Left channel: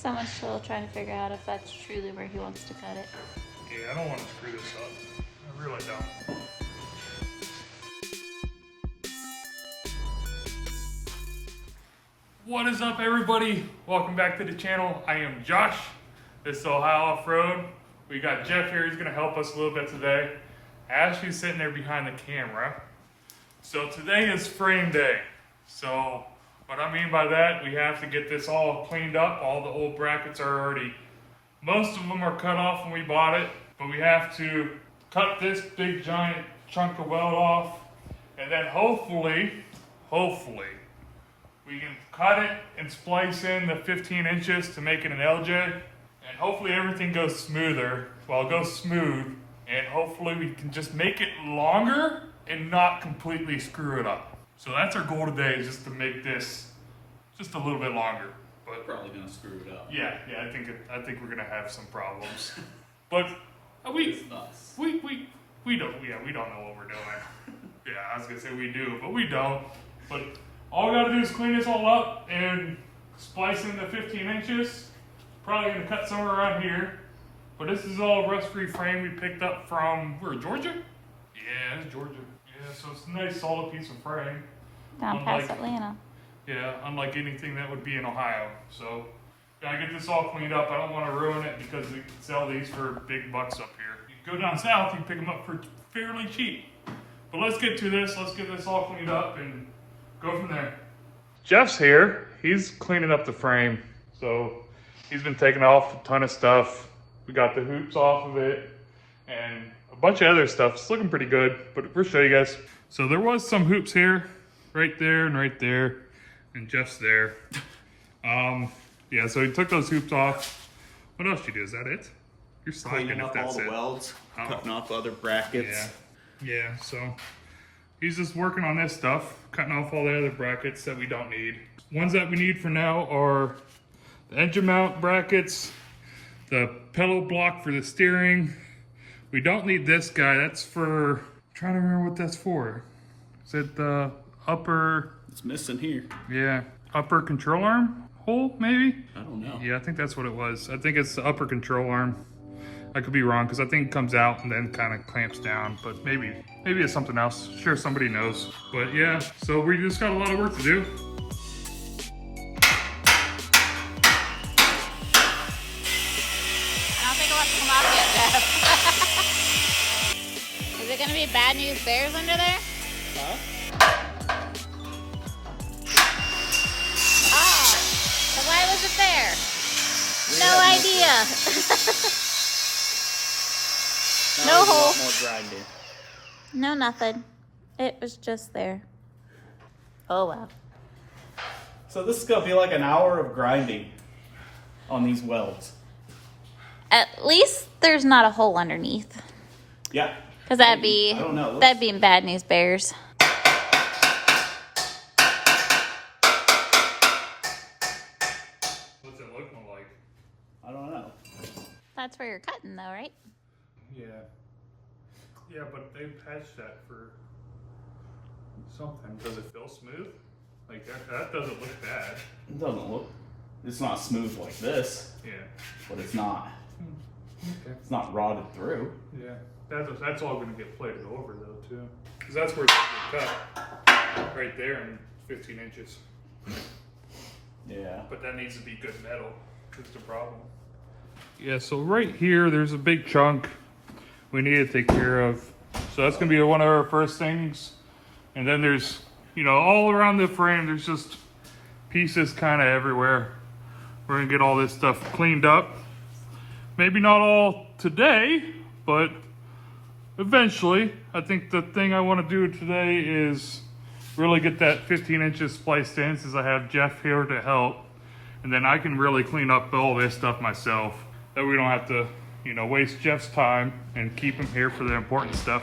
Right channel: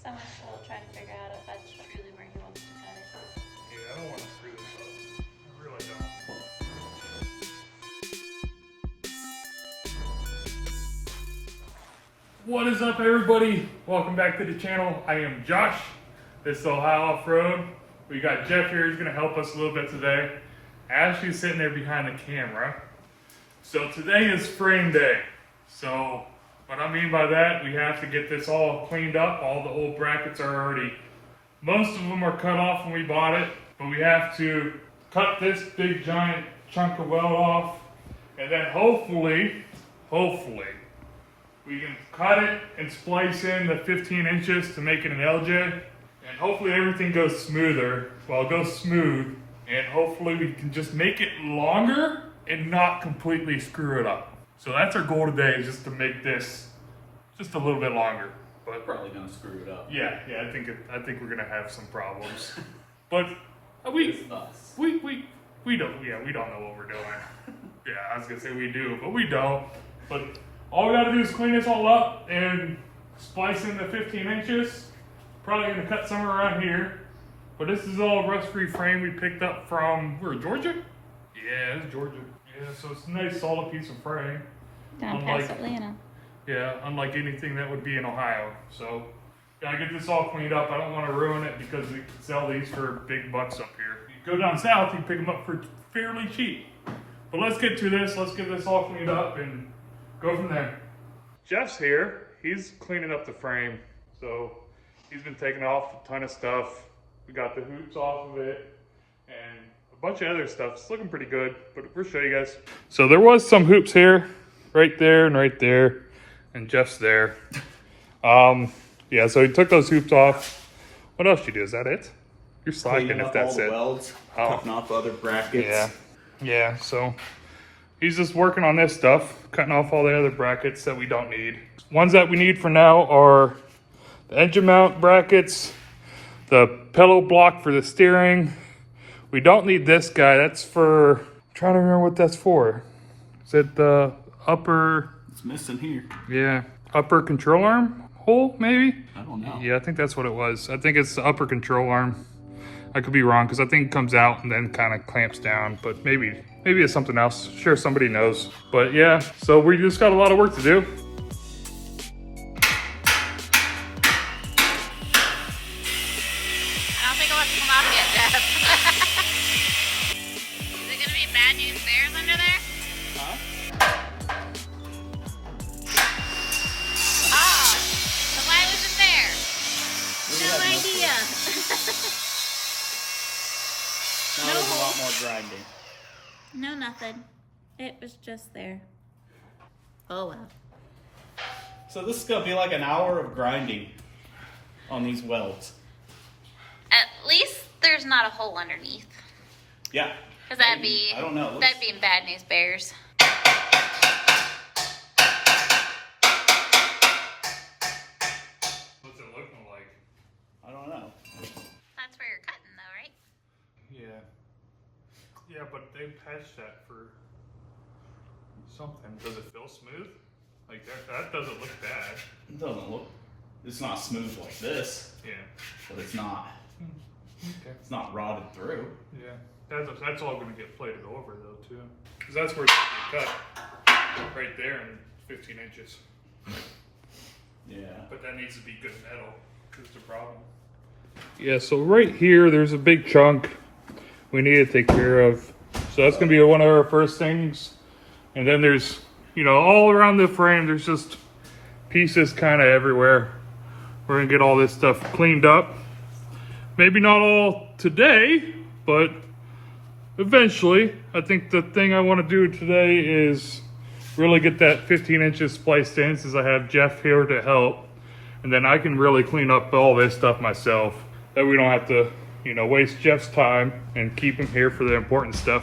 so much trouble trying to figure out if that's truly where he wants to cut it. Yeah, I don't want to screw this up. I really don't. What is up, everybody? Welcome back to the channel. I am Josh. This is Ohio Offroad. We got Jeff here. He's going to help us a little bit today. Ashley's sitting there behind the camera. So today is frame day. So what I mean by that, we have to get this all cleaned up. All the old brackets are already, most of them are cut off when we bought it, but we have to cut this big giant chunk of weld off, and then hopefully, we can cut it and splice in the 15 inches to make it an LJ, and hopefully everything goes smoother. Well, it goes smooth, and hopefully we can just make it longer and not completely screw it up. So that's our goal today, is just to make this just a little bit longer. But probably gonna screw it up. Yeah, I think we're gonna have some problems. But we don't know what we're doing. Yeah, I was gonna say we do, but we don't. But all we gotta do is clean this all up and splice in the 15 inches. Probably gonna cut somewhere around here. But this is all rust-free frame we picked up from, where, Georgia? Yeah, it's Georgia. Yeah, so it's a nice solid piece of frame. Down past Atlanta. Yeah, unlike anything that would be in Ohio. So, gotta get this all cleaned up. I don't want to ruin it because we can sell these for big bucks up here. You go down south, you can pick them up for fairly cheap. But let's get to this. Let's get this all cleaned up and go from there. Jeff's here. He's cleaning up the frame. So, he's been taking off a ton of stuff. We got the hoops off of it and a bunch of other stuff. It's looking pretty good, but we'll show you guys. So, there was some hoops here, right there and right there. And Jeff's there. Yeah, so he took those hoops off. What else you do? Is that it? You're slacking if that's all the it. Welds, cutting off other brackets. Yeah, so he's just working on this stuff, cutting off all the other brackets that we don't need. Ones that we need for now are the engine mount brackets, the pedal block for the steering. We don't need this guy. That's for, I'm trying to remember what that's for. Is it the upper... It's missing here. Yeah, upper control arm hole, maybe? I don't know. Yeah, I think that's what it was. I think it's the upper control arm. I could be wrong because I think it comes out and then kind of clamps down, but maybe it's something else. Sure, somebody knows. But yeah, so we just got a lot of work to do. I don't think it wants to come off yet, Jeff. Is it gonna be bad news bears under there? Huh? So why was it there? No idea. No hole. More grinding. No nothing. It was just there. Oh wow. So this is gonna be like an hour of grinding on these welds. At least there's not a hole underneath. Yeah. Because that'd be, I don't know. that'd be bad news bears. What's it looking like? I don't know. That's where you're cutting though, right? Yeah. Yeah, but they patched that for something. Does it feel smooth? Like that doesn't look bad. It doesn't look. It's not smooth like this, Yeah. but it's not. Okay. It's not rotted through. Yeah. That's all going to get plated over though too. Because that's where it's going to get cut. Right there in 15 inches. Yeah. But that needs to be good metal. That's the problem. Yeah, so right here, there's a big chunk we need to take care of. So that's going to be one of our first things. And then there's, you know, all around the frame, there's just pieces kind of everywhere. We're going to get all this stuff cleaned up. Maybe not all today, but eventually. I think the thing I want to do today is really get that 15 inches spliced in, since I have Jeff here to help. And then I can really clean up all this stuff myself. That we don't have to, you know, waste Jeff's time and keep him here for the important stuff.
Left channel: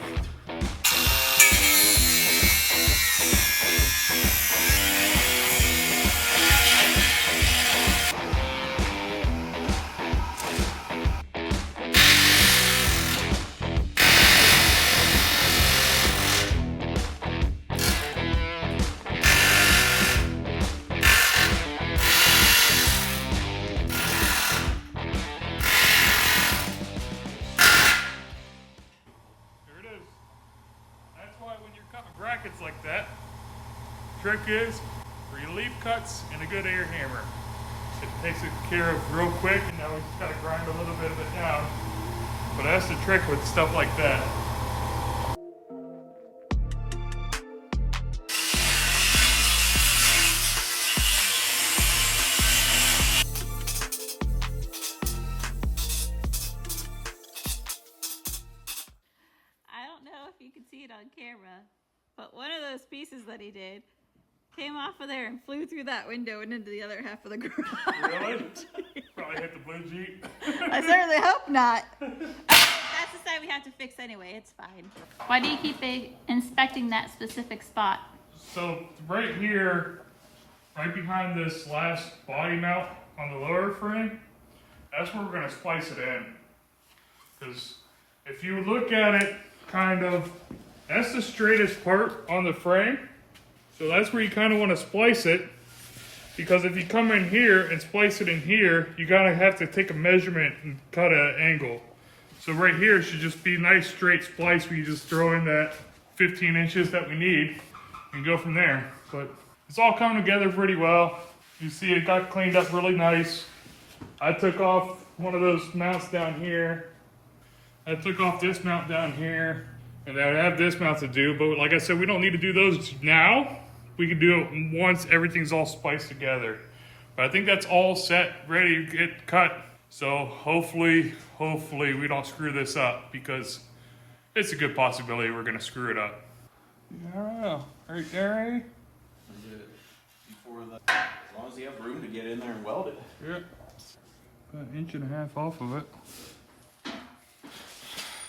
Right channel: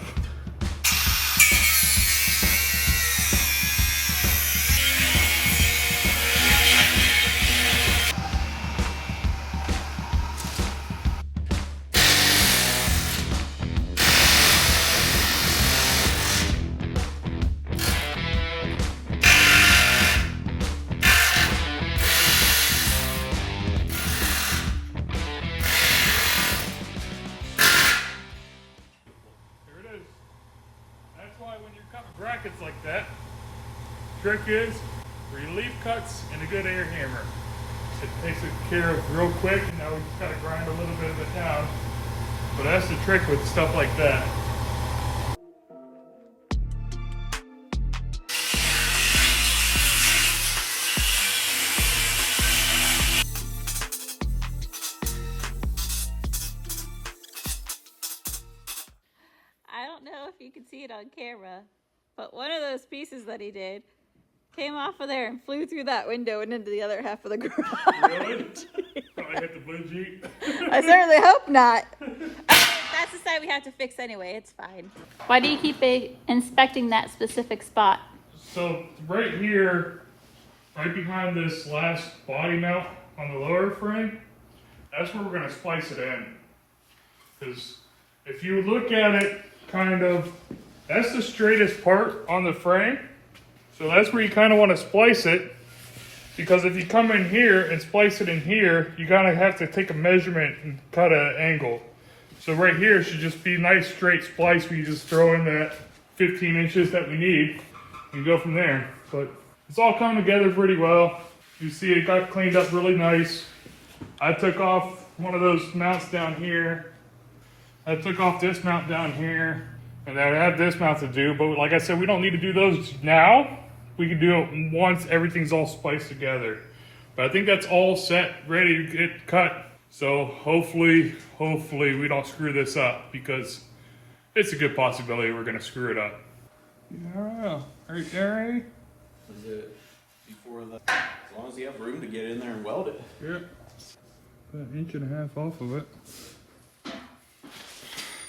brackets like that. Trick is 3 leaf cuts and a good air hammer. It takes it care of real quick, and now we just gotta grind a little bit of it down. But that's the trick with stuff like that. I don't know if you can see it on camera, but one of those pieces that he did came off of there and flew through that window and into the other half of the garage. Really? Probably hit the blue Jeep. I certainly hope not. That's the side we have to fix anyway. It's fine. Why do you keep inspecting that specific spot? So right here, right behind this last body mount on the lower frame, that's where we're gonna splice it in. Because if you look at it kind of, that's the straightest part on the frame. So that's where you kind of want to splice it, because if you come in here and splice it in here, you gotta have to take a measurement and cut an angle. So right here should just be a nice straight splice where you just throw in that 15 inches that we need and go from there. But it's all coming together pretty well. You see it got cleaned up really nice. I took off one of those mounts down here. I took off this mount down here. And then I have this mount to do, but like I said, we don't need to do those now. We can do it once everything's all spliced together. But I think that's all set, ready to get cut. So hopefully we don't screw this up, because it's a good possibility we're gonna screw it up. Yeah, right there. Is it before the, as long as you have room to get in there and weld it. Yep. Got an inch and a half off of it.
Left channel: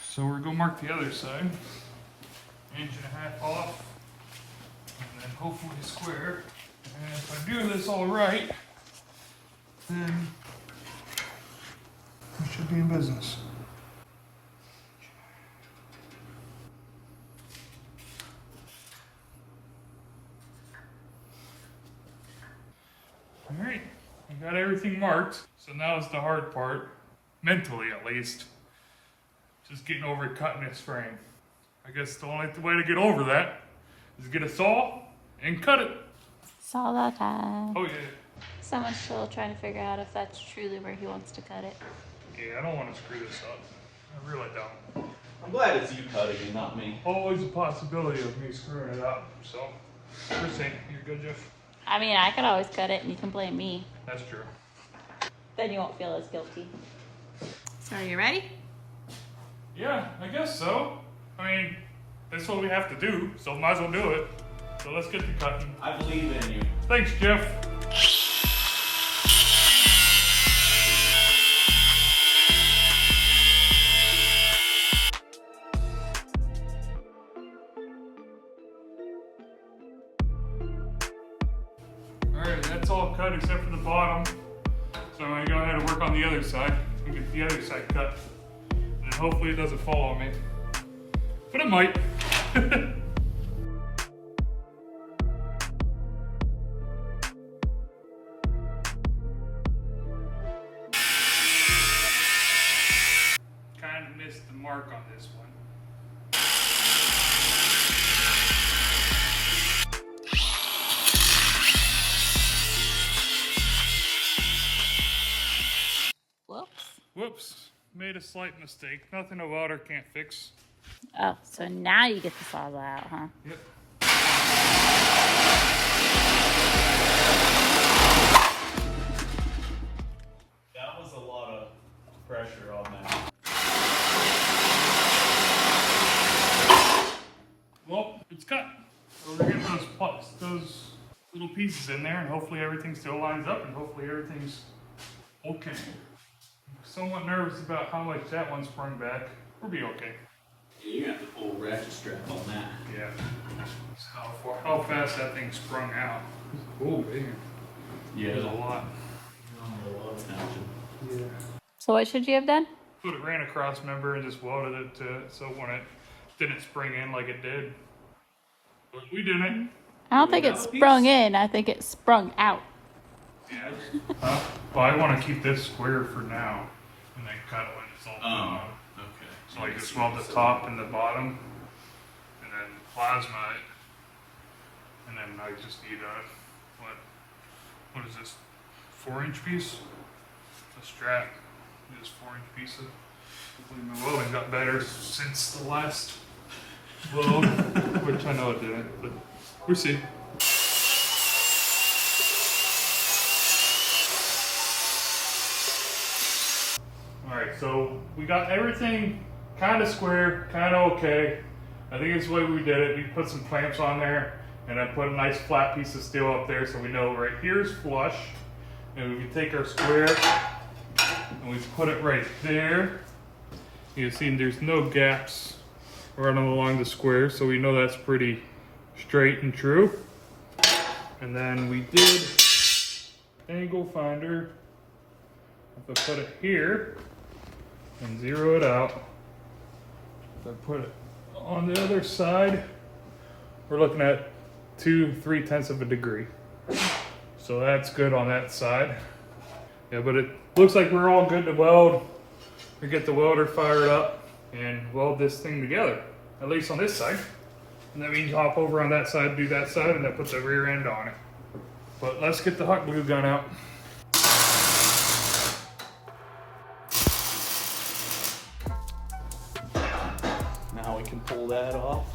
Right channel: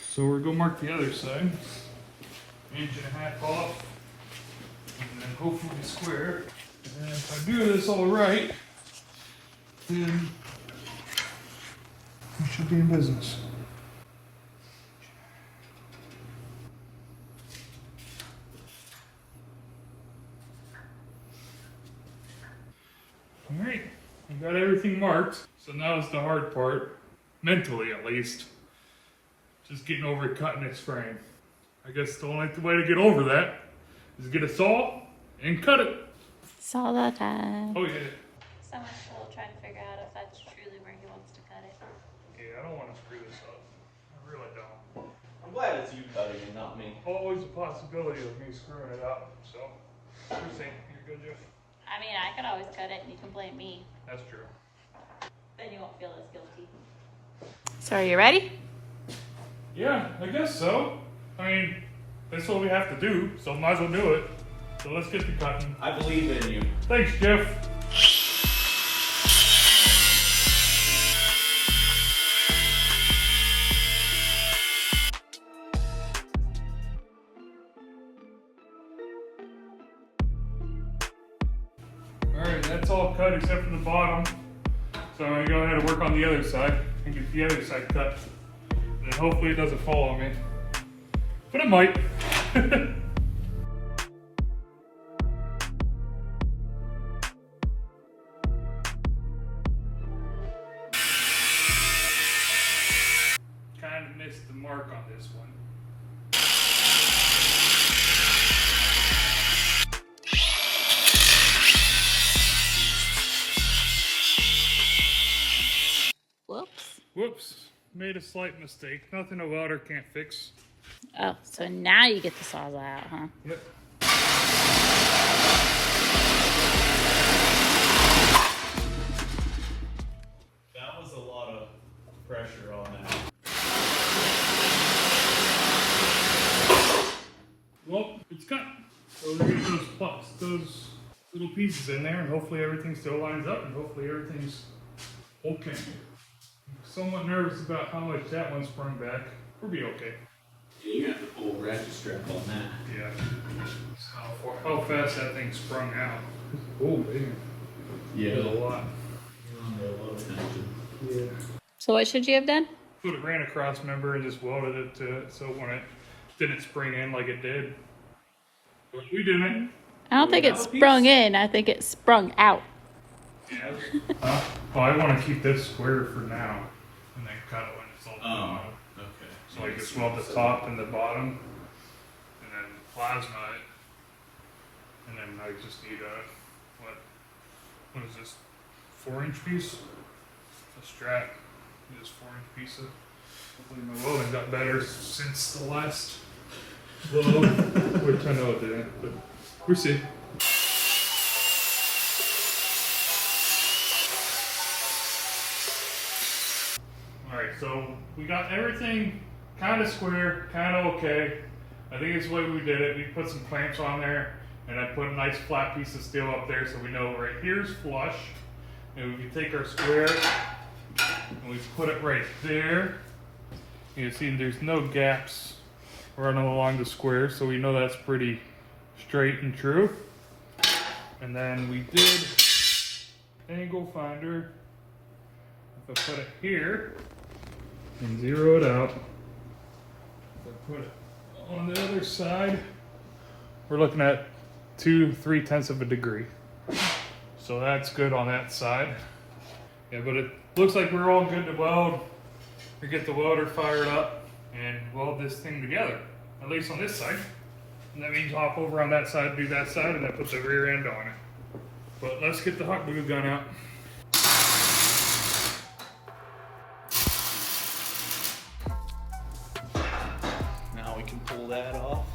So we're gonna mark the other side. Inch and a half off. And then hopefully square. And if I do this all right, then we should be in business. All right, we got everything marked. So now is the hard part, mentally at least. Just getting over cutting its frame. I guess the only way to get over that is get a saw and cut it. Saw the time. Oh yeah. Someone's still trying to figure out if that's truly where he wants to cut it. Yeah, I don't want to screw this up. I really don't. I'm glad it's you cutting and not me. Always a possibility of me screwing it up. So, first thing, you're good, Jeff? I mean, I could always cut it and you can blame me. That's true. Then you won't feel as guilty. So are you ready? Yeah, I guess so. I mean, that's what we have to do, so might as well do it. So let's get to cutting. I believe in you. Thanks, Jeff. Alright, that's all cut except for the bottom. So I'm going to go ahead and work on the other side and get the other side cut. And hopefully it doesn't fall on me. But it might. Kind of missed the mark on this one. Whoops. Whoops. Made a slight mistake. Nothing a welder can't fix. Oh, so now you get the sawzall out, huh? Yep. That was a lot of pressure on that. Well, it's cut. So we're gonna get those little pieces in there, and hopefully everything still lines up, and hopefully everything's okay. I'm somewhat nervous about how much that one sprung back. We'll be okay. You got the whole ratchet strap on that. Yeah. How fast that thing sprung out. Oh man. Yeah. There's a lot. A lot of tension. Yeah. So what should you have done? Put a ran across member and just welded it to it so when it didn't spring in like it did. But we didn't. I don't think it sprung in. I think it sprung out. Yeah. Well, I want to keep this square for now, and then cut it when it's all done. Okay. So I just weld the top and the bottom, and then plasma it, And then I just need what is this? 4-inch piece? The strap. This 4-inch piece of. Hopefully my welding got better since the last weld, which I know it didn't, but we'll see. Alright, so we got everything kind of square, kind of okay. I think it's the way we did it. We put some clamps on there, and I put a nice flat piece of steel up there so we know right here's flush. And we take our square and we put it right there. You see there's no gaps running along the square, so we know that's pretty straight and true. And then we did angle finder. If I put it here and zero it out, if I put it on the other side, we're looking at 2/3 of a degree. So that's good on that side. Yeah, but it looks like we're all good to weld. We get the welder fired up and weld this thing together, at least on this side. And that means hop over on that side, do that side, and then put the rear end on it. But let's get the hot glue gun out. Now we can pull that off.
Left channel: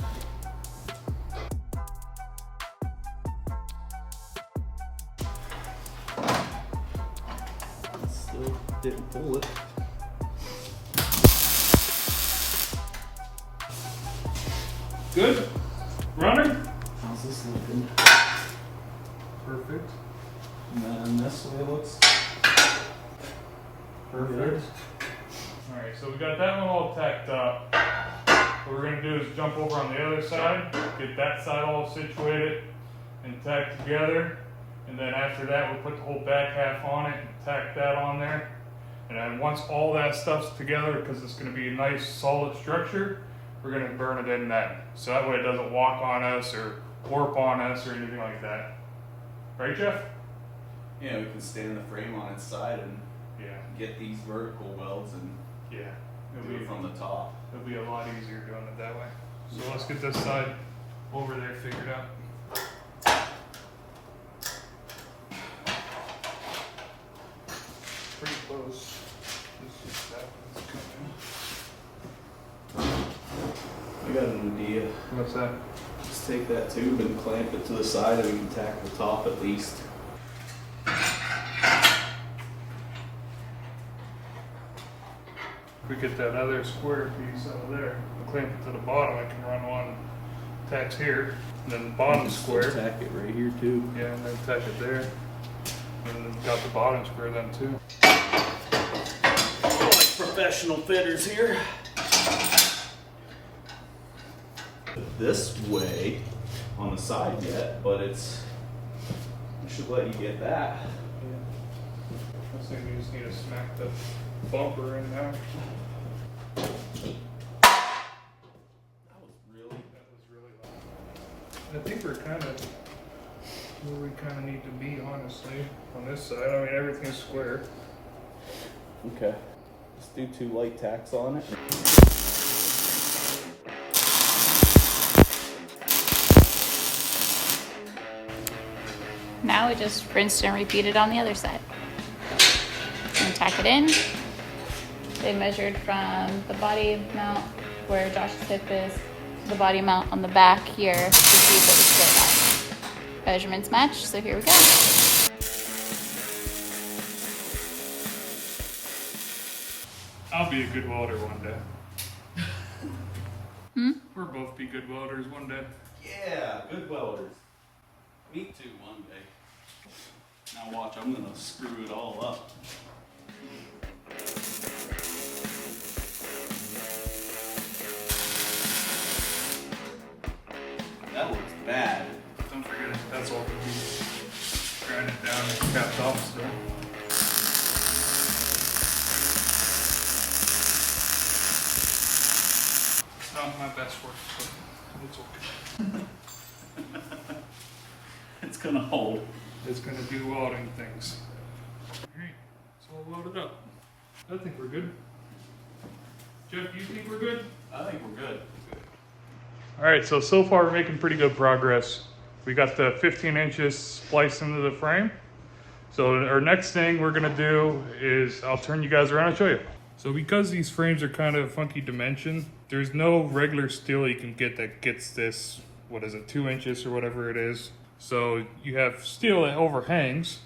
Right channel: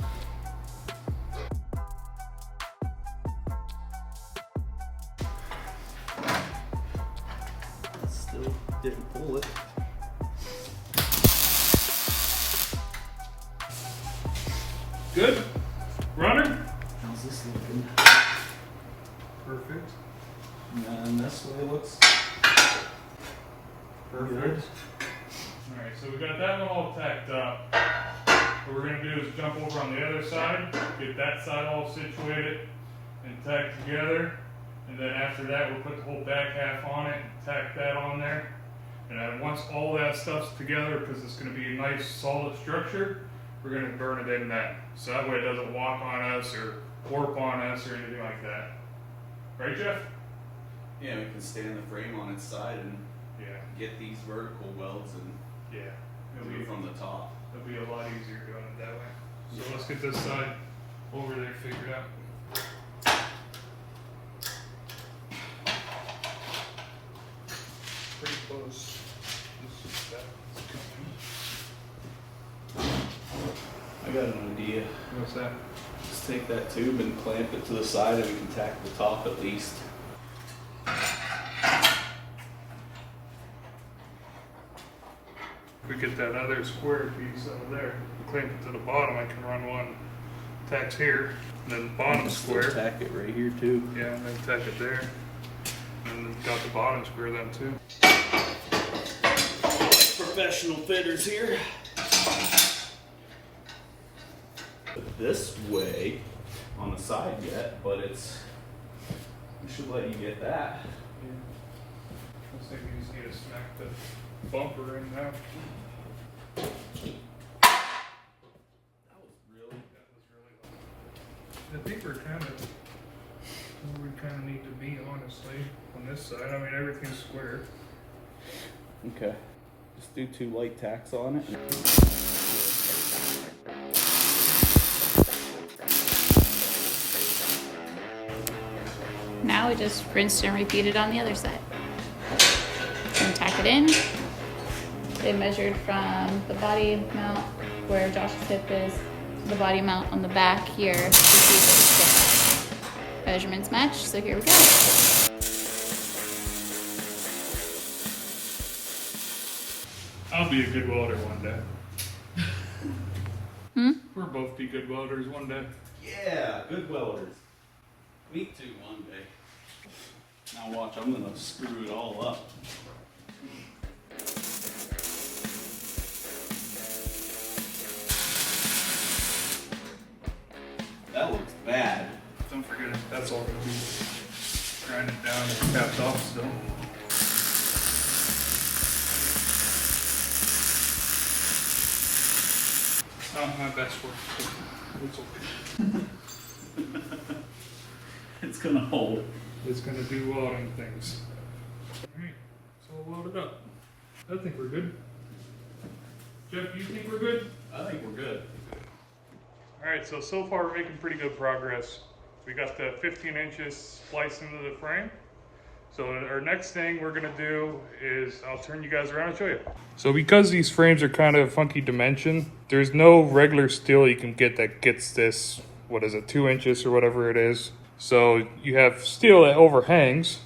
Still didn't pull it. Good? Running? How's this looking? Perfect. And then this way looks Perfect. Alright, so we got that one all tacked up. What we're going to do is jump over on the other side, get that side all situated and tacked together. And then after that, we'll put the whole back half on it and tack that on there. And then once all that stuff's together, because it's going to be a nice solid structure, we're going to burn it in then. So that way it doesn't walk on us or warp on us or anything like that. Right, Jeff? Yeah, we can stand the frame on its side and Yeah. get these vertical welds and Yeah. do it from the top. It'll be a lot easier doing it that way. So let's get this side over there figured out. Pretty close. This is that one's coming. I got an idea. What's that? Just take that tube and clamp it to the side and we can tack the top at least. If we get that other square piece out of there, clamp it to the bottom, I can run one tacks here, and then the bottom square. Tack it right here too. Yeah, and then tack it there. And then got the bottom square then too. Oh, like professional fitters here. This way on the side yet, but it's, we should let you get that. I think we just need to smack the bumper in now. That was really I think we're kind of where we kind of need to be, honestly, on this side. I mean, everything's square. okay. Just do 2 light tacks on it. Now we just rinsed and repeated on the other side. And tack it in. They measured from the body mount where Josh's hip is to the body mount on the back here to see if it was squared out. Measurements match, so here we go. I'll be a good welder one day. We'll both be good welders one day. Yeah, good welders. Me too, one day. Now watch, I'm gonna screw it all up. That looks bad. Don't forget, that's all going to be grinded down and capped off still. It's not my best work, but it's okay. It's gonna hold. It's going to do welding things. Alright, so we'll load it up. I think we're good. Jeff, do you think we're good? I think we're good. Alright, so far we're making pretty good progress. We got the 15 inches spliced into the frame. So our next thing we're gonna do is, I'll turn you guys around and show you. So because these frames are kind of funky dimension, there's no regular steel you can get that gets this, what is it, 2 inches or whatever it is. So you have steel that overhangs.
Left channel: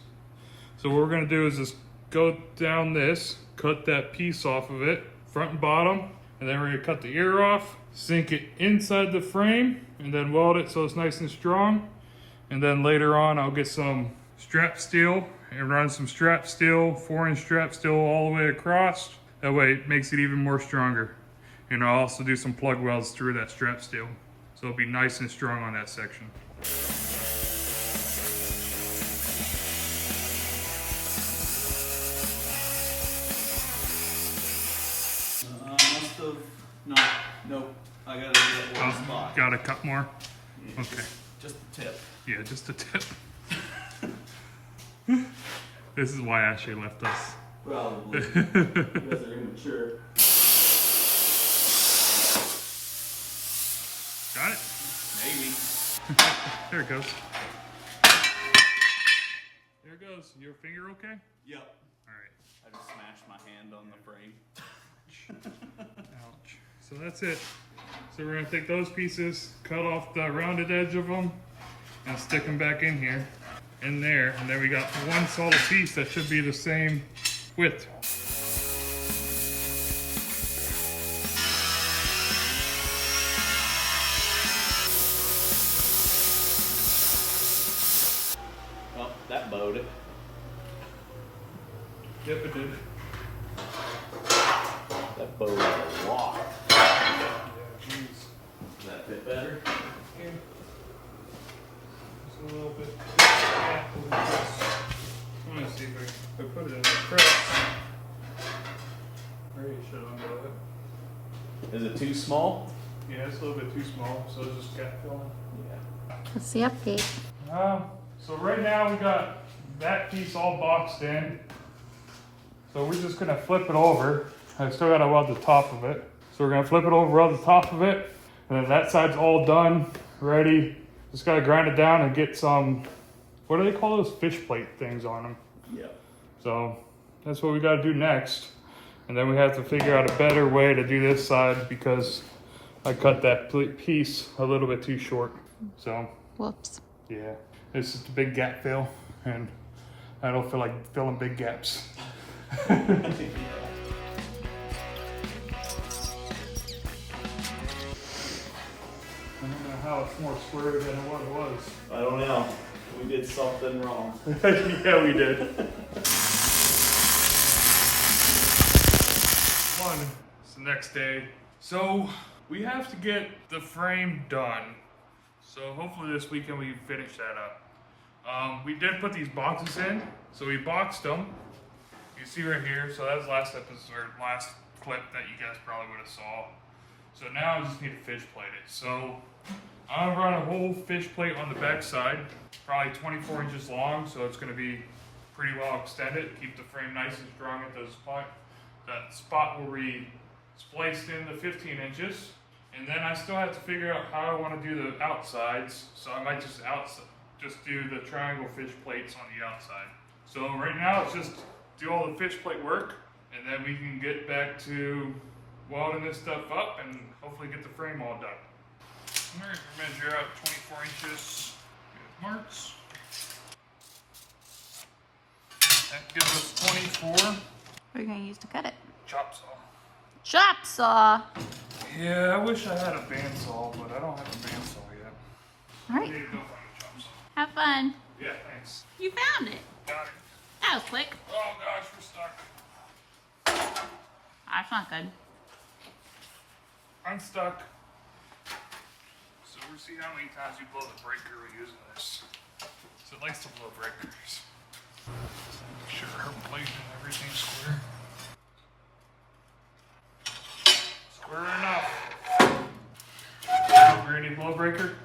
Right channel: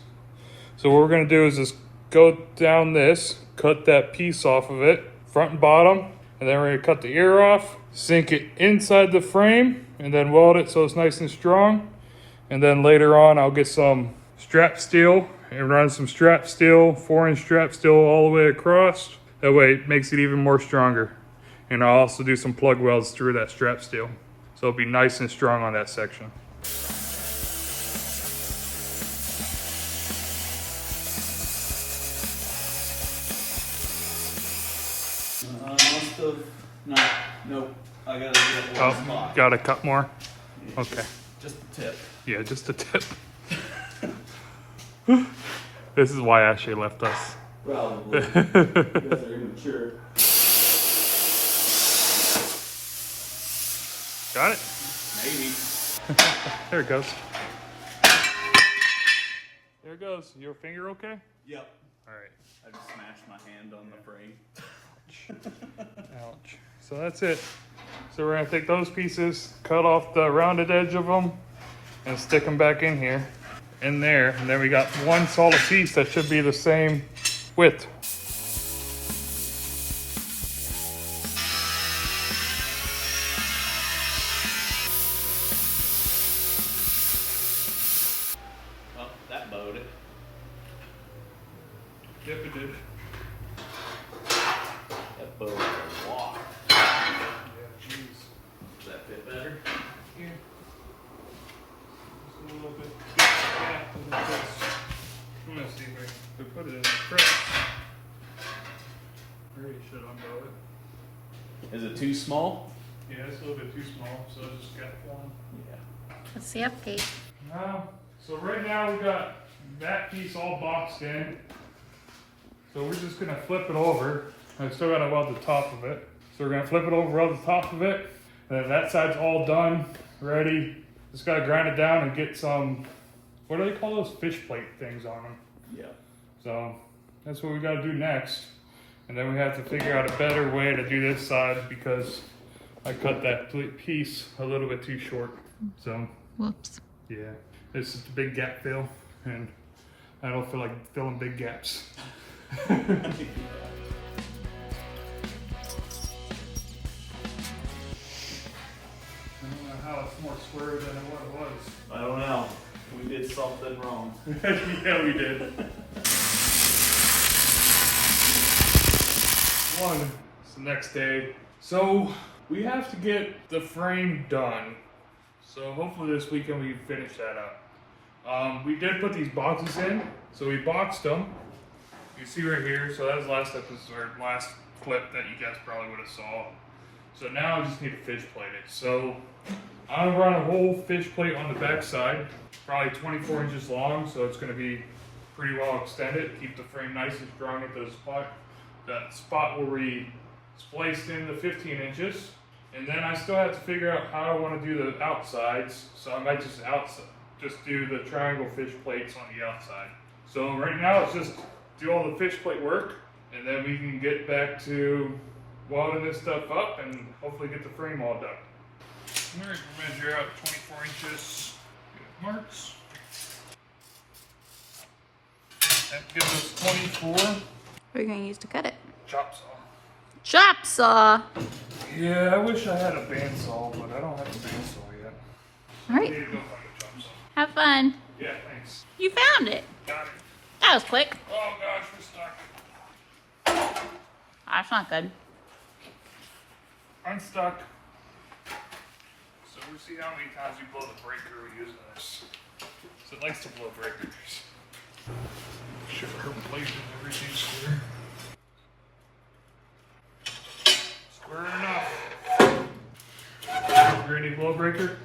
So what we're gonna do is just go down this, cut that piece off of it, front and bottom, and then we're gonna cut the ear off, sink it inside the frame, and then weld it so it's nice and strong. And then later on, I'll get some strap steel and run some strap steel, 4-inch strap steel all the way across. That way it makes it even more stronger. And I'll also do some plug welds through that strap steel. So it'll be nice and strong on that section. Must have not. Nope. I gotta get one spot. Gotta cut more? Okay. Just the tip. Yeah, just a tip. This is why Ashley left us. Probably. You guys are immature. Got it? Maybe. There it goes. There it goes. Your finger okay? Yep. Alright. I just smashed my hand on the frame. Ouch. So that's it. So we're gonna take those pieces, cut off the rounded edge of them, and stick them back in here, in there. And then we got one solid piece that should be the same width. Well, that bowed it. Yep, it did. That bowed a lot. Jeez. Does that fit better? Yeah. Just a little bit. Yeah, let me see if I put it in the press. Maybe it should undo it. Is it too small? Yeah, it's a little bit too small, so it's just gap filling. Yeah. What's the update? So right now we got that piece all boxed in. So we're just gonna flip it over. I still gotta weld the top of it. So we're gonna flip it over, weld the top of it. And then that side's all done, ready. Just gotta grind it down and get some, what do they call those fish plate things on them? Yeah. So that's what we gotta do next. And then we have to figure out a better way to do this side because I cut that piece a little bit too short. So Whoops. yeah, it's just a big gap fill and I don't feel like filling big gaps. I don't know how it's more square than what it was. I don't know. We did something wrong. Yeah, we did. It's the next day. So we have to get the frame done. So hopefully this weekend we can finish that up. We did put these boxes in. So we boxed them. You see right here. So that was last episode, or last clip that you guys probably would have saw. So now I just need to fish plate it. So I'm gonna run a whole fish plate on the back side, probably 24 inches long, so it's gonna be pretty well extended. Keep the frame nice and strong at the spot. That spot where we spliced in the 15 inches. And then I still have to figure out how I want to do the outsides. So I might just do the triangle fish plates on the outside. So right now it's just do all the fish plate work, and then we can get back to welding this stuff up and hopefully get the frame all done. All right, measure out 24 inches. We have marks. That gives us 24. What are you going to use to cut it? Chop saw. Chop saw. Yeah, I wish I had a bandsaw, but I don't have a bandsaw yet. All I right. need to go find a chop saw. Have fun. Yeah, thanks. You found it. Got it. That was quick. Oh gosh, we're stuck. That's not good. I'm stuck. So we'll see how many times you blow the breaker we're using this. So it likes to blow breakers. Sure, places everything square. Square enough. Is there any blow breaker?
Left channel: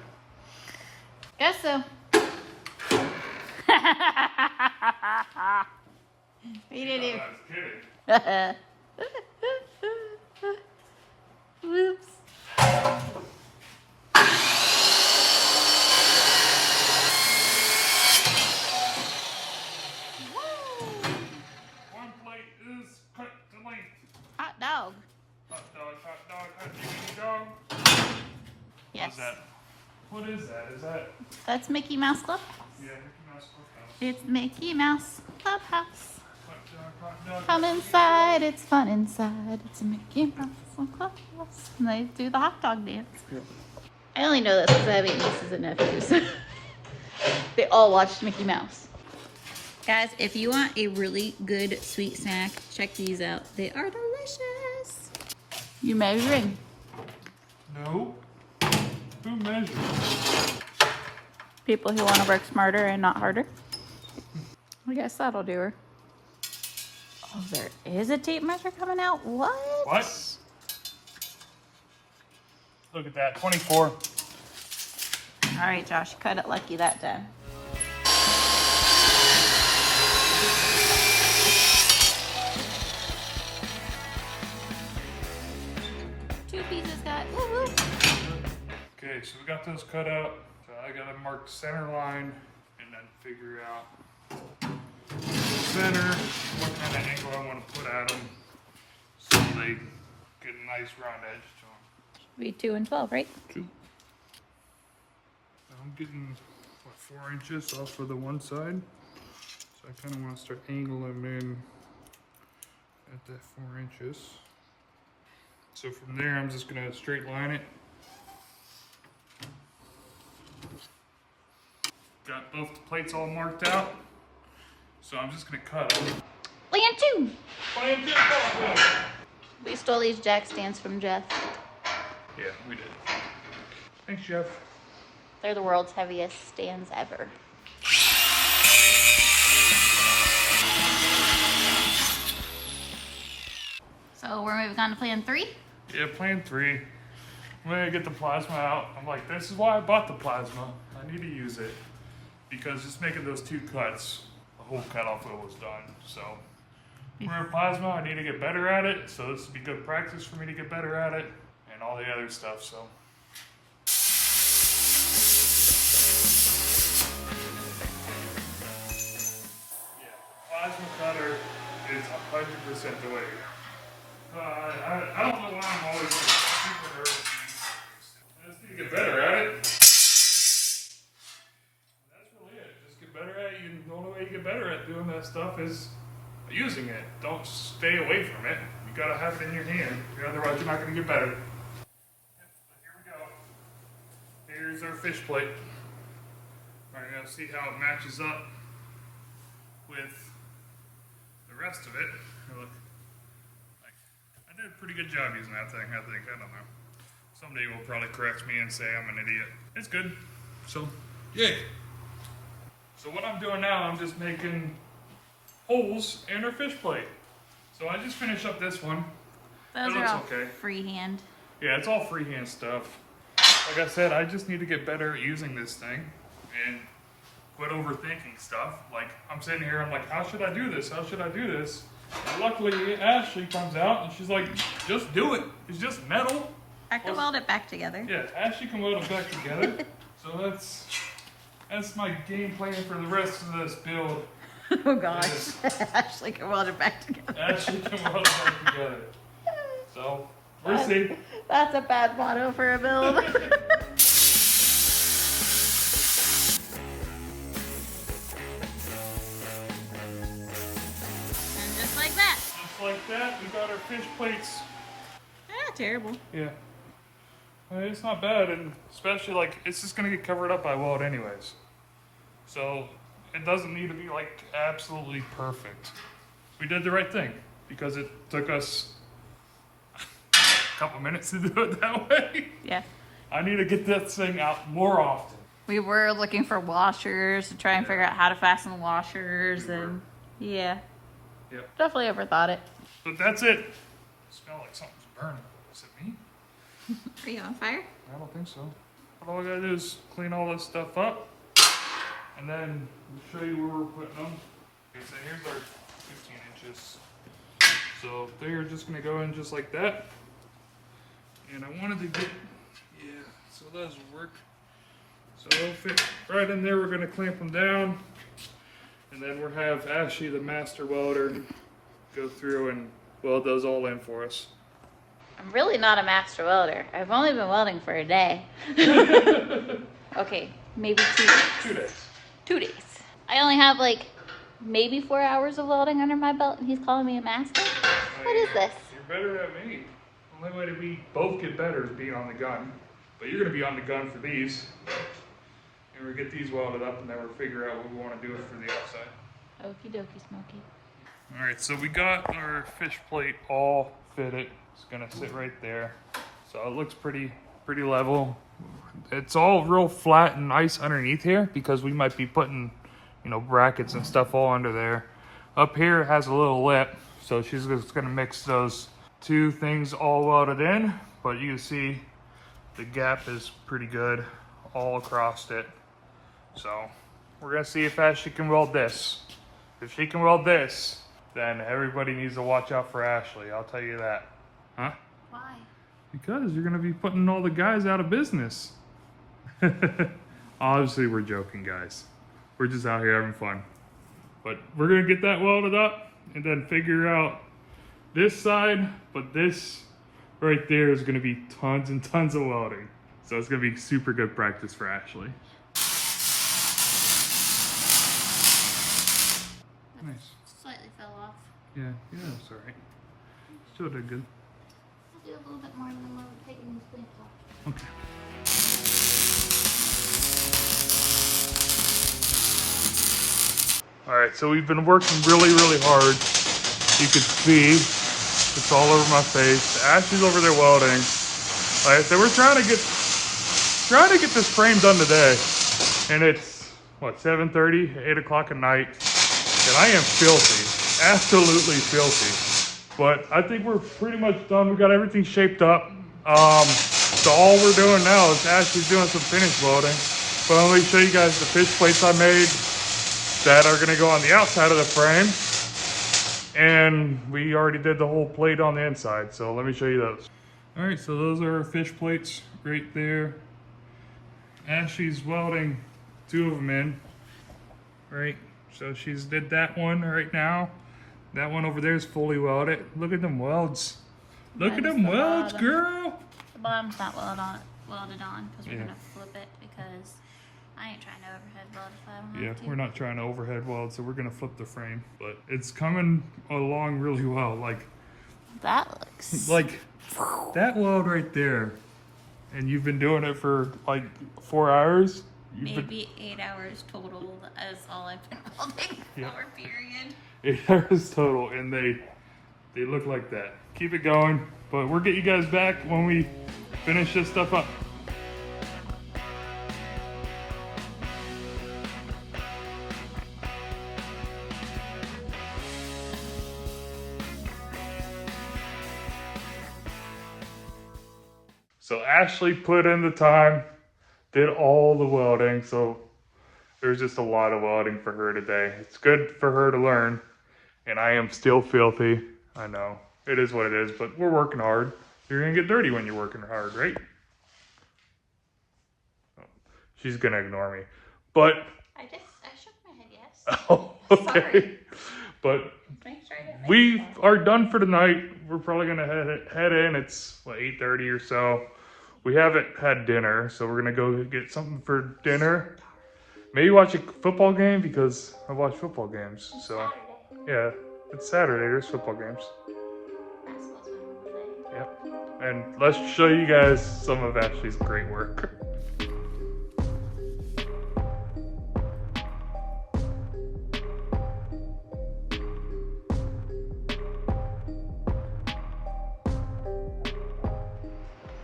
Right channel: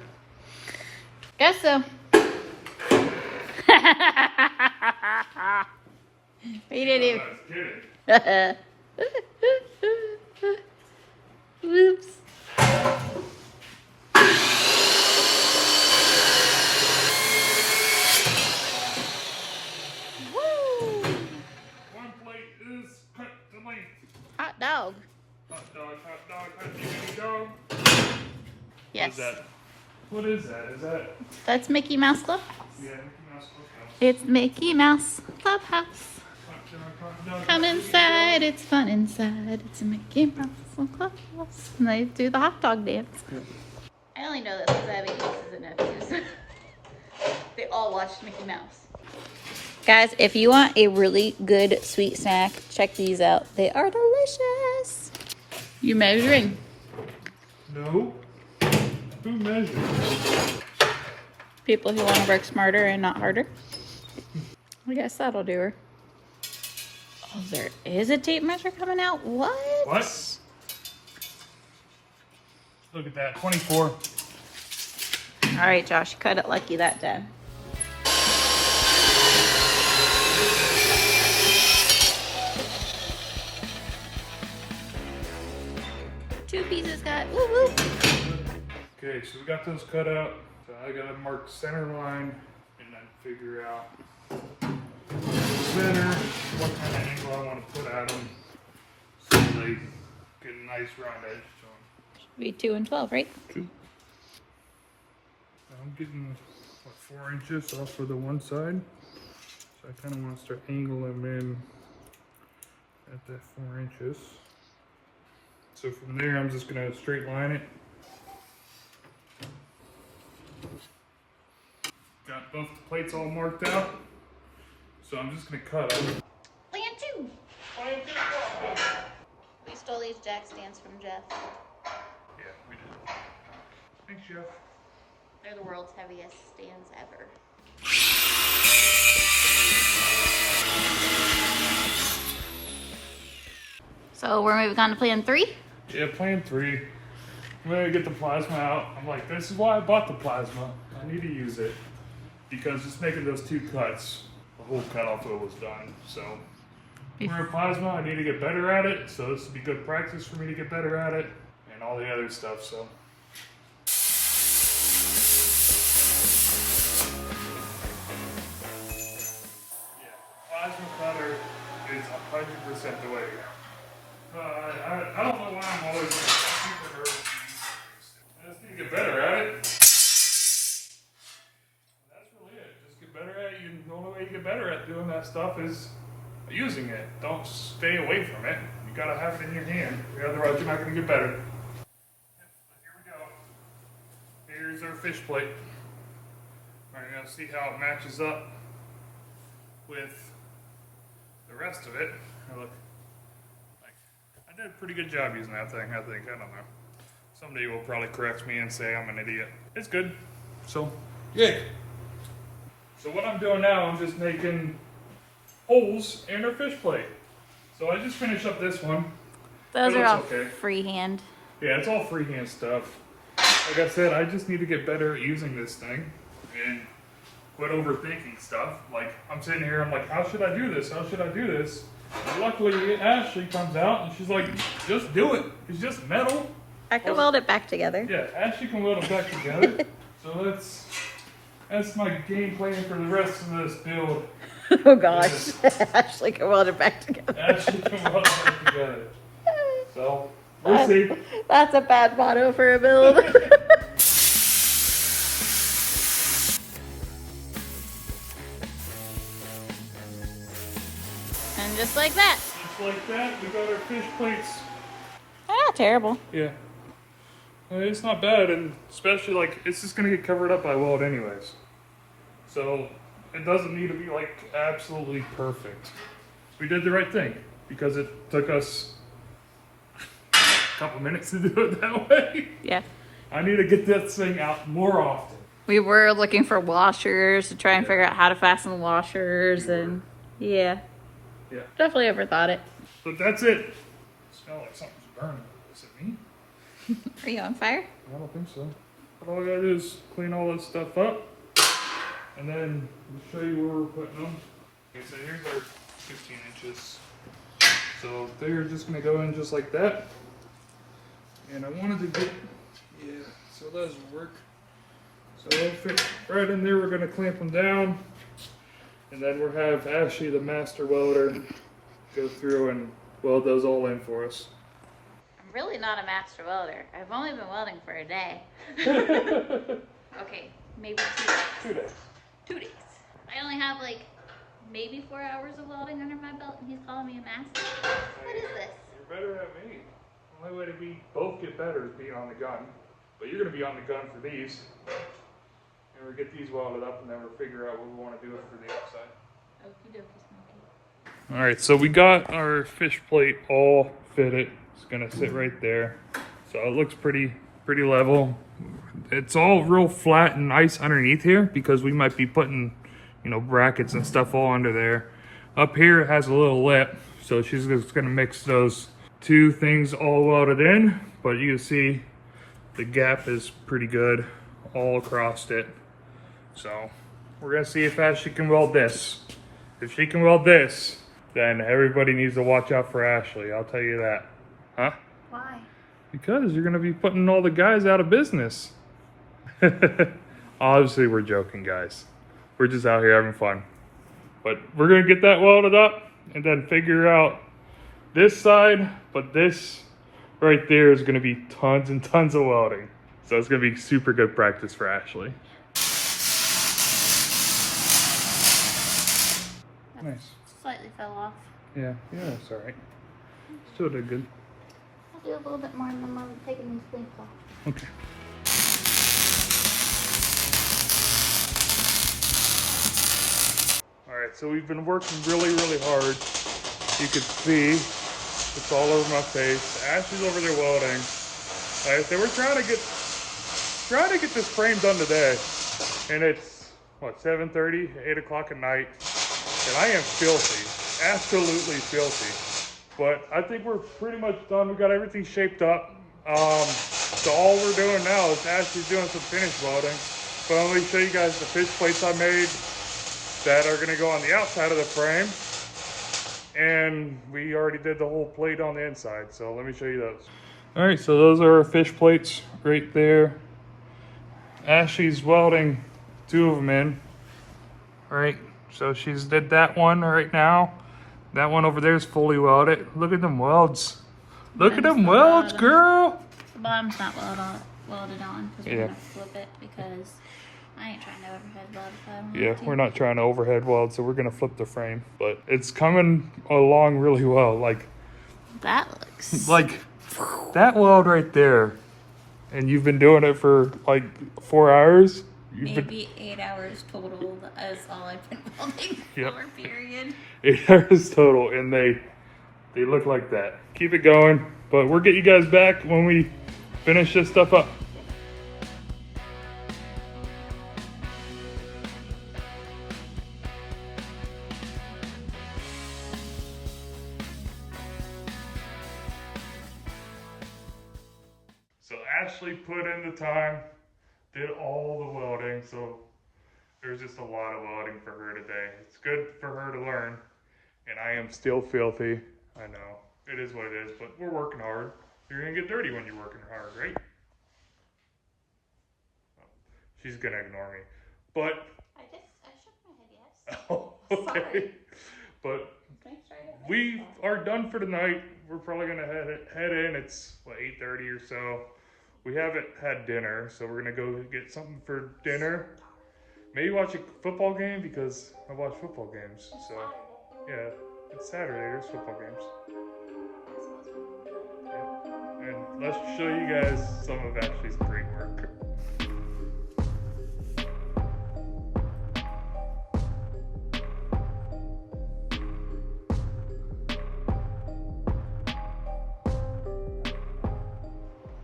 Guess so. We didn't Kidding. Whoops. is cut to length. Hot dog. Hot dog, hot diggity dog. Yes. What is that? What is that? Is that? That's Mickey Mouse Clubhouse. Yeah, Mickey Mouse Clubhouse. It's Mickey Mouse Clubhouse. Hot dog, Come inside, it's fun inside. It's a Mickey Mouse Clubhouse. And they do the hot dog dance. I only know this because I have 8 nieces and nephews. They all watched Mickey Mouse. Guys, if you want a really good sweet snack, check these out. They are delicious. You measuring? No. Who measures? People who want to work smarter and not harder. I guess that'll do her. Oh, there is a tape measure coming out? What? What? Look at that, 24. All right, Josh, cut it lucky that time. Two pieces cut. Woo woo. Okay, so we got those cut out. So I gotta mark the center line and then figure out the center, what kind of angle I want to put at them so they get a nice round edge to them. Be 2 and 12, right? I'm getting, what, 4 inches off of the one side. So I kind of want to start angling them in at that 4 inches. So from there, I'm just going to straight line it. Got both the plates all marked out. So I'm just going to cut them. Land 2! We stole these jack stands from Jeff. Yeah, we did. Thanks, Jeff. They're the world's heaviest stands ever. So we're moving on to plan 3? Yeah, plan 3. I'm gonna get the plasma out. I'm like, this is why I bought the plasma. I need to use it. Because just making those 2 cuts, the whole cutoff wheel was done. So, for plasma, I need to get better at it. So this would be good practice for me to get better at it. And all the other stuff, so. Yeah, plasma cutter is 100% the way to go. I don't know why I'm always super nervous. I just need to get better at it. That's really it. Just get better at it. The only way you get better at doing that stuff is using it. Don't stay away from it. You gotta have it in your hand. Otherwise, you're not gonna get better. Here we go. Here's our fish plate. Alright, now see how it matches up with the rest of it. Now look. I did a pretty good job using that thing, I think. I don't know. Somebody will probably correct me and say I'm an idiot. It's good. So, yay. So what I'm doing now, I'm just making holes in our fish plate. So I just finished up this one. Those It are all looks okay. freehand. Yeah, it's all freehand stuff. Like I said, I just need to get better at using this thing and quit overthinking stuff. Like, I'm sitting here, I'm like, how should I do this? How should I do this? And luckily, Ashley comes out and she's like, just do it. It's just metal. I can weld it back together. Yeah, Ashley can weld it back together. So that's my game plan for the rest of this build. Oh gosh. Ashley can weld it back together. Ashley can weld it back together. So, we'll see. That's a bad motto for a build. And just like that. Just like that, we got our fish plates. Ah, terrible. Yeah. Well, it's not bad, and especially like it's just gonna get covered up by weld anyways. So it doesn't need to be like absolutely perfect. We did the right thing because it took us a couple minutes to do it that way. Yeah. I need to get this thing out more often. We were looking for washers to try and figure out how to fasten the washers, and yeah. Yeah. Definitely overthought it. But that's it. It smells like something's burning. Is it me? Are you on fire? I don't think so. But all I gotta do is clean all this stuff up, and then we'll show you where we're putting them. Okay, so here's our 15 inches. So they're just gonna go in just like that. And I wanted to get, yeah, so those will work. So they'll fit right in there. We're gonna clamp them down. And then we'll have Ashley, the master welder, go through and weld those all in for us. I'm really not a master welder. I've only been welding for a day. Okay, maybe 2 days. 2 days. 2 days. I only have like maybe 4 hours of welding under my belt, and he's calling me a master? What is this? You're better than me. The only way that we both get better is being on the gun. But you're going to be on the gun for these. And we get these welded up, and then we'll figure out what we want to do for the outside. Okie dokie, Smokey. All right, so we got our fish plate all fitted. It's going to sit right there. So it looks pretty level. It's all real flat and nice underneath here because we might be putting, you know, brackets and stuff all under there. Up here it has a little lip, so she's just gonna mix those two things all welded in, but you can see the gap is pretty good all across it. So we're gonna see if Ashley can weld this. If she can weld this, then everybody needs to watch out for Ashley, I'll tell you that. Huh? Why? Because you're gonna be putting all the guys out of business. Obviously we're joking, guys. We're just out here having fun. But we're gonna get that welded up and then figure out this side, but this right there is gonna be tons and tons of welding. So it's gonna be super good practice for Ashley. Nice. Slightly fell off. Yeah, that's all right. Still did good. I'll do a little bit more and then I'm taking these sleeves off. Okay. All right, so we've been working really hard. You can see it's all over my face. Ashley's over there welding. Like I said, we're trying to get this frame done today. And it's, what, 7:30, 8 o'clock at night. And I am filthy, absolutely filthy. But I think we're pretty much done. We got everything shaped up. So all we're doing now is Ashley's doing some finish welding. But let me show you guys the fish plates I made that are gonna go on the outside of the frame. And we already did the whole plate on the inside. So let me show you those. All right, so those are our fish plates right there. Ashley's welding 2 of them in. All right, so she's did that one right now. That one over there is fully welded. Look at them welds. Look at them welds, girl. The bottom's not welded on because we're Yeah. gonna flip it because I ain't trying to overhead weld if I don't Yeah, have to. we're not trying to overhead weld, so we're gonna flip the frame. But it's coming along really well. Like That looks that weld right there. And you've been doing it for like 4 hours? maybe 8 hours total. That's all I've been welding Yep. for, period. 8 hours total, and they look like that. Keep it going, but we'll get you guys back when we finish this stuff up. So Ashley put in the time, did all the welding, so there's just a lot of welding for her today. It's good for her to learn, and I am still filthy. I know, it is what it is, but we're working hard. You're gonna get dirty when you're working hard, right? She's gonna ignore me, but I shook my head yes. oh, okay. Sorry. But Make sure I didn't we make are done for tonight. We're probably gonna head in. It's what, 8:30 or so. We haven't had dinner, so we're gonna go get something for dinner. Maybe watch a football game because I watch football games. So yeah, it's Saturday. There's football games. Yep. And let's show you guys some of Ashley's great work.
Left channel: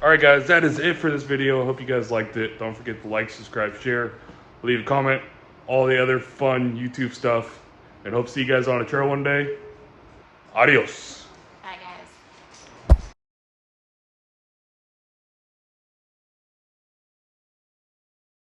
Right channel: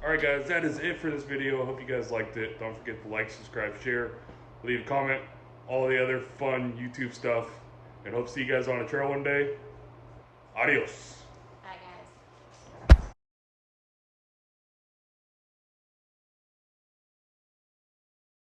Alright guys, that is it for this video. I hope you guys liked it. Don't forget to like, subscribe, share, leave a comment, all the other fun YouTube stuff. And hope to see you guys on a trail one day. Adios.